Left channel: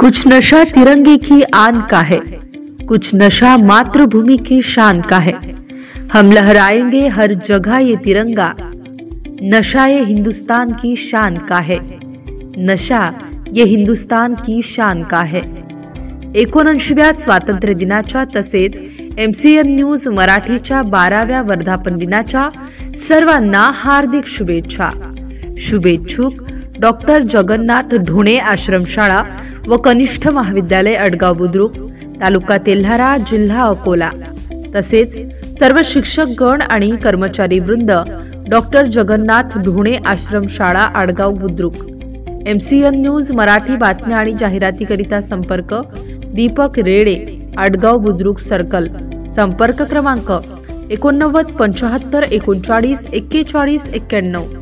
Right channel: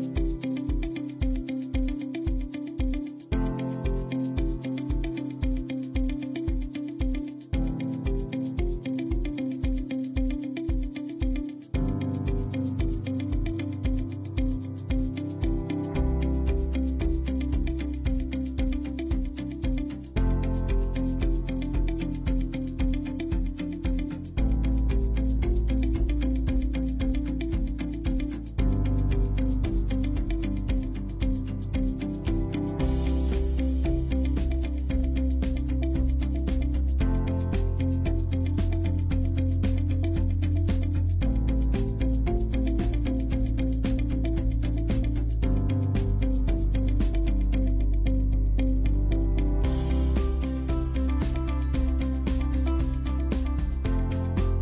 कुछ नशा तिरंगे की आन का है, कुछ नशा मातृभूमि की शान का है। हम लहराएंगे हर जगह ये तिरंगा, नशा ये हिंदुस्तान की शान का है। नशा ये हिंदुस्तान की शान का है। 79व्या स्वातंत्र्य दिनाच्या तसेच MCN न्यूज मराठीच्या 12व्या वर्धापन दिनाच्या सर्वांना हार्दिक शुभेच्छा। शुभेच्छुक डॉक्टर जगन्नाथ ढोणे आश्रमशाळा व कनिष्ठ महाविद्यालय अडगाव बुद्रुक, तालुका तेल्हारा, जिल्हा अकोला। तसेच सर्व शिक्षकगण आणि कर्मचारी वृंद डॉक्टर जगन्नाथ ढोणे आश्रमशाळा अडगाव बुद्रुक। MCN न्यूज मराठी बातम्या आणि जाहिरातीकरिता संपर्क दीपक रेडे, अडगाव बुद्रुक सर्कल। संपर्क क्रमांक 89 75 39 41 91।